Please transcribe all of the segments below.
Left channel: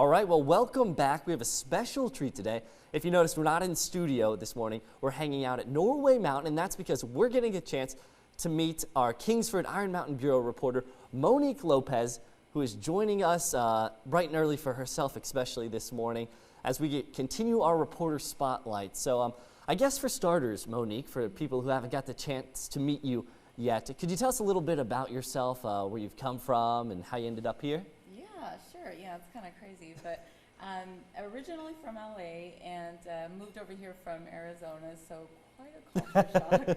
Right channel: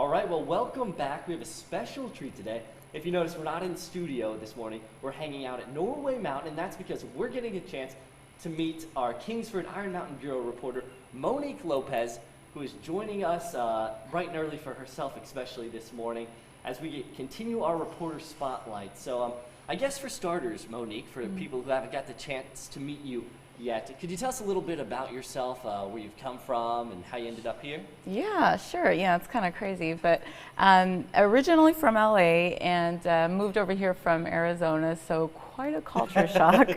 All right, well, welcome back. We have a special treat today. If you notice, we're not in studio this morning. We're hanging out at Norway Mountain, and that's because we're getting a chance to meet our Kingsford Iron Mountain Bureau reporter, Monique Lopez, who is joining us bright and early for herself, especially this morning, as we continue our reporter spotlight. So I guess for starters, Monique, for people who haven't got the chance to meet you yet, could you tell us a little bit about yourself, where you've come from and how you ended up here? Yeah, sure. Yeah, it's kind of crazy, but originally from LA and moved over here from Arizona, so quite a culture shock.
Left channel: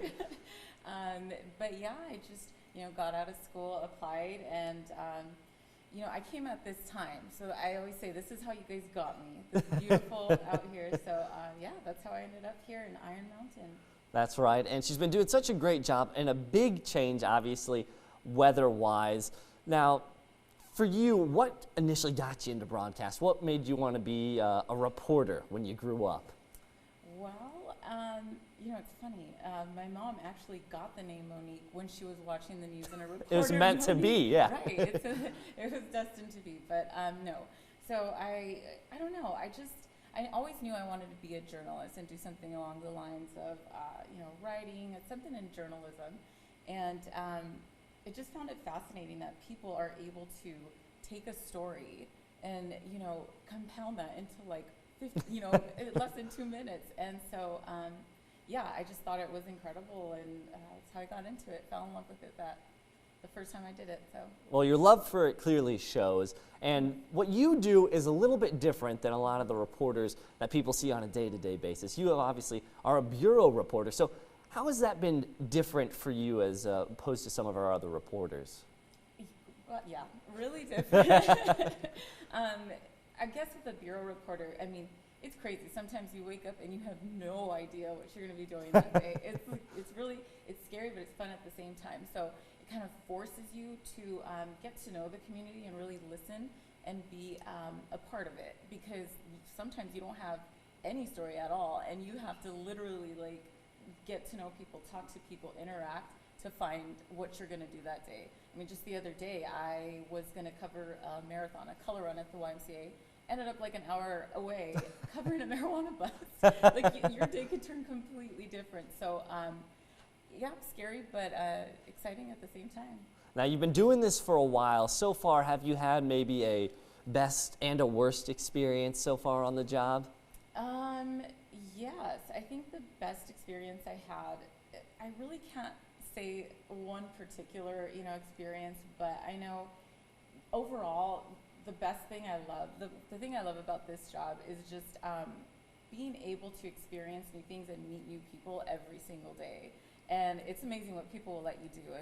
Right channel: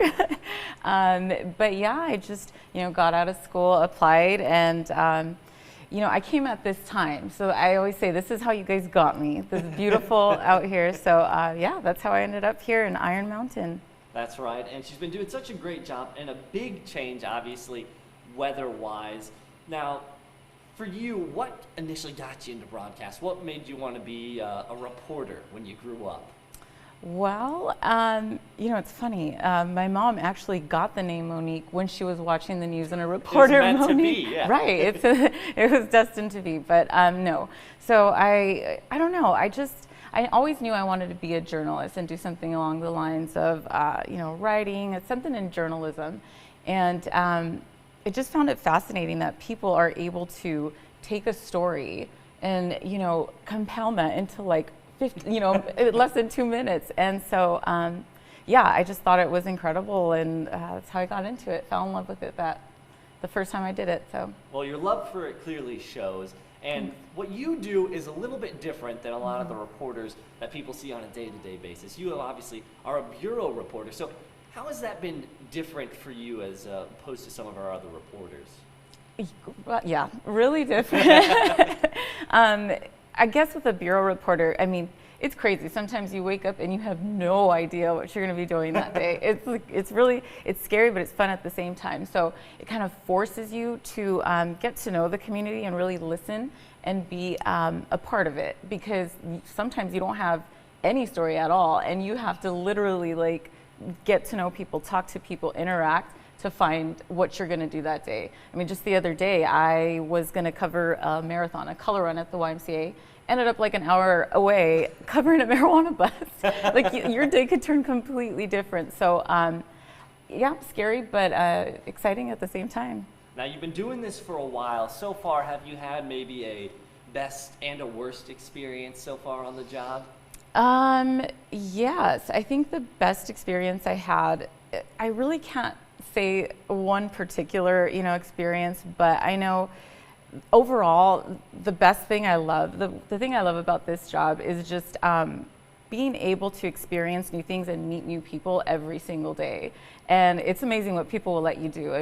But yeah, I just, got out of school, applied, and I came at this time. So I always say, this is how you guys got me. This is beautiful out here. So yeah, that's how I ended up here in Iron Mountain. That's right, and she's been doing such a great job, and a big change, obviously, weather-wise. Now, for you, what initially got you into broadcast? What made you want to be a reporter when you grew up? Well, it's funny. My mom actually got the name Monique when she was watching the news, and a reporter. It was meant to be, yeah. Right, it was destined to be, but no. So I don't know. I always knew I wanted to be a journalist and do something along the lines of, writing, something in journalism. And I just found it fascinating that people are able to take a story and, compound that into like 50, less than 2 minutes. And so, yeah, I just thought it was incredible, and that's how I got into it, fell in love with it the first time I did it. So. Well, your love for it clearly shows. And what you do is a little bit different than a lot of the reporters that people see on a day-to-day basis. You obviously are a bureau reporter. So how has that been different for you as opposed to some of our other reporters? Yeah, really different. I guess with a bureau reporter, it's crazy. Sometimes you wake up and you have no idea what you're going to be doing that day. It's scary, but it's fun at the same time. So it kind of forces you to get to know the community and really listen and be a part of it, because sometimes you don't have any story at all, and you have to literally get to know people, talk to people, interact to find what you're going to do that day. Just the other day, I was going to cover a marathon, a color run at the YMCA. Ended up an hour away covering a marijuana bus. Your day could turn completely different. So yeah, scary, but exciting at the same time. Now, you've been doing this for a while. So far, have you had maybe a best and a worst experience so far on the job? Yes, I think the best experience I had, I really can't say one particular, experience, but I know overall, the best thing I love, the thing I love about this job is just being able to experience new things and meet new people every single day. And it's amazing what people will let you do.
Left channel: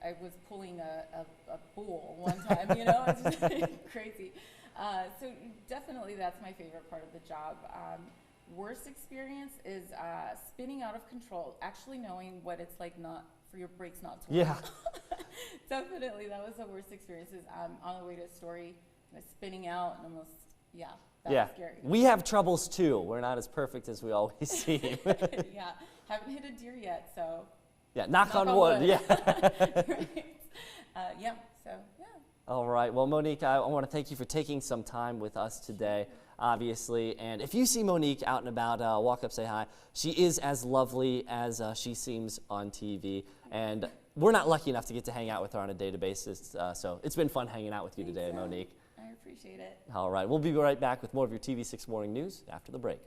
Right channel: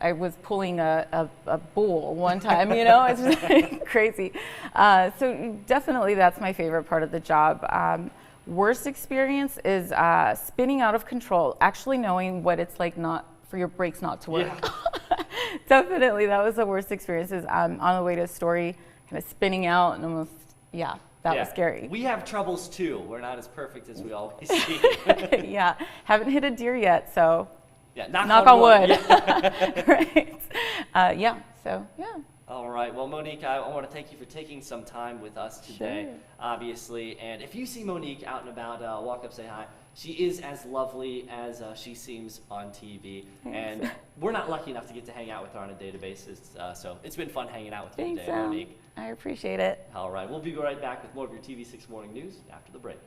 I was pulling a bull one time, it's just crazy. So definitely that's my favorite part of the job. Worst experience is spinning out of control, actually knowing what it's like not for your brakes not to work. Yeah. Definitely, that was the worst experience. Is on the way to a story, kind of spinning out and almost, that was scary. We have troubles too. We're not as perfect as we always seem. Yeah, haven't hit a deer yet, so yeah, knock on wood. Yeah. Right. Yeah. So yeah. All right. Well, Monique, I want to thank you for taking some time with us today, Sure. obviously. And if you see Monique out and about, walk up, say hi. She is as lovely as she seems on TV. Thanks. And we're not lucky enough to get to hang out with her on a daily basis. So it's been fun hanging out with you Thanks, today, Monique. I appreciate it. All right. We'll be right back with more of your TV6 Morning News after the break.